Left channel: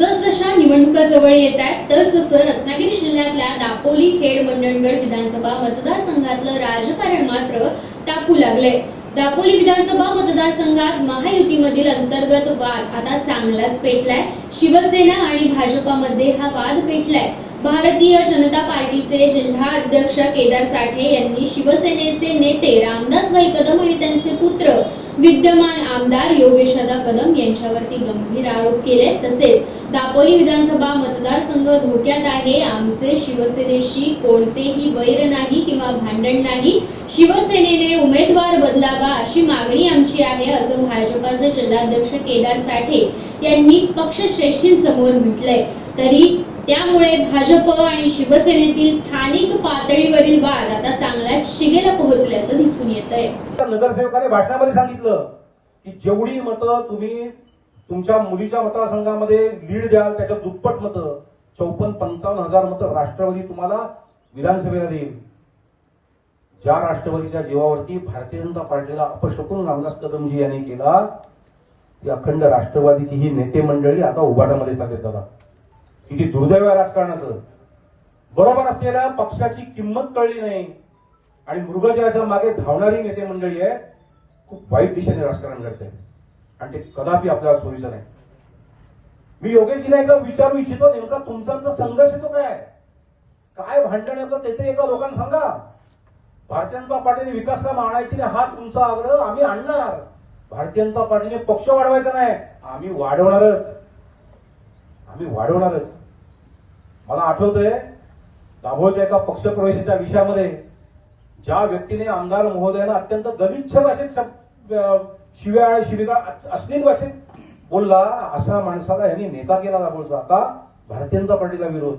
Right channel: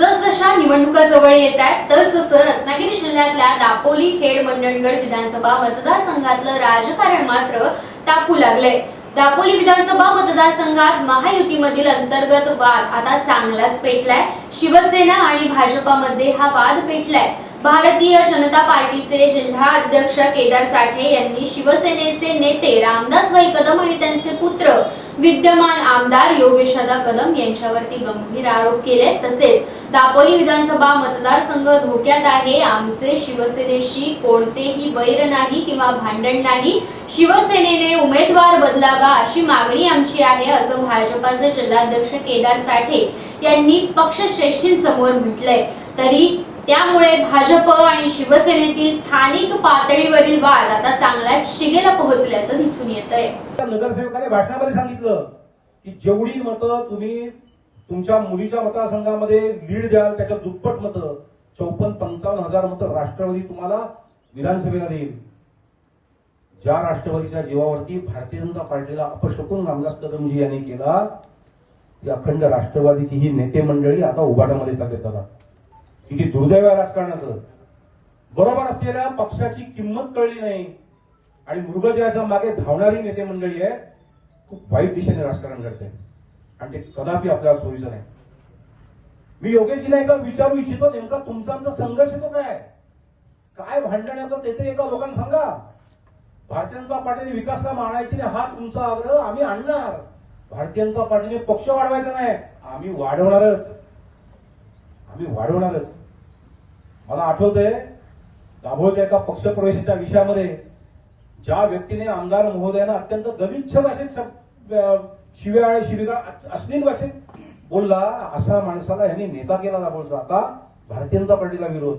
जसजशा निवडणुका जवळ येत आहेत तसतसं रत्नागिरी जिल्ह्यातल्या दापोली खेड मंडणगड विधानसभा मतदारसंघातलं राजकारण मात्र तापू लागलंय. दापोली विधानसभा मतदारसंघात महायुतीमधील अंतर्गत वाद आता चांगलाच पेटलाय. शिवसेना आणि भाजपामध्ये हा वाद पेटलाय. भारतीय जनता पार्टीचे जिल्हाध्यक्ष केदार साठे यांनी शिवसेनेचे नेते रामदास भाई कदम आणि त्यांचे पुत्र विद्यमान आमदार योगेशदा कदम यांच्यावरती गंभीर आरोप केले. तसेच दापोली विधानसभा मतदारसंघ धोक्यात आहे. आमचे शिवसेनेशी कोणतेही वैर नाही किंवा भांडण नाही. शिवसेनेने उमेदवार बदलावा अशी मागणी आमची आहे असं भाजपाचे जिल्हाध्यक्ष केदार साठे यांनी पक्षश्रेष्ठींसमोर म्हटलंय. तरी त्यामुळे भाजप आणि शिवसेनेतील स्थानिक पातळीवरील वाद आता चांगलाच शिगेला पोहोचल्याचं दिसून येत आहे नगरसेवकाने भाषणामध्ये सांगितलं की जेवढी मतं तुम्ही तुमच्या मुलीच्या मतदारसंघामध्ये लीड द्याल त्याच्या दुप्पट मतं चौपन्न पंचावन्न हजार मतं राष्ट्रवादी तुम्हाला विधानसभेला देईल. ज्या राष्ट्रवादीच्या जीवावरती भारतीय जनता पार्टीला अपशकून रामदास कदमजी यांनी केला ती अखंड राष्ट्रवादीची ही नेते मंडळी आता उभाटामध्ये चालते आता किती दुर्दैव आहे राजकारणाचं. बरोबर असलेल्या पक्षाची किंमत कळली नाही. आणि मृगजयाच्या मागे धावणारी नेते मंडळी आहे खूप वाईट दिशेने राजकारण करते. आणि ते कदापि आपल्याला सोयीचं नाही. मी योगेशजीला एकदा विचारू इच्छितो नेमका तुमचा आमचा संघर्ष तो काय काय भांडण आहे ते तरी एका लोकांना सांगा. भारतीय जनता पार्टीने विकास काम आणायची नाही हा तुमचा आग्रह आम्ही आणणार. भारतीय जनता पार्टीने पक्ष वाढवायचा नाही आम्ही वाढवणारच. आम्ही वाढवणारच. मला आठवतंय दाभोळच्या एका पक्षप्रवेशाच्या विषयामध्ये ज्या व्यक्तीने आमदार महोदयानं अत्यंत गलिच्छ भाषेत शिव्या आणि शिव्या शिविका अश्लील भाषेत बोलला अशा माणसाला यांनी नेता केला दाभोळचा. का? भारतीय जनता पार्टीला विरोध.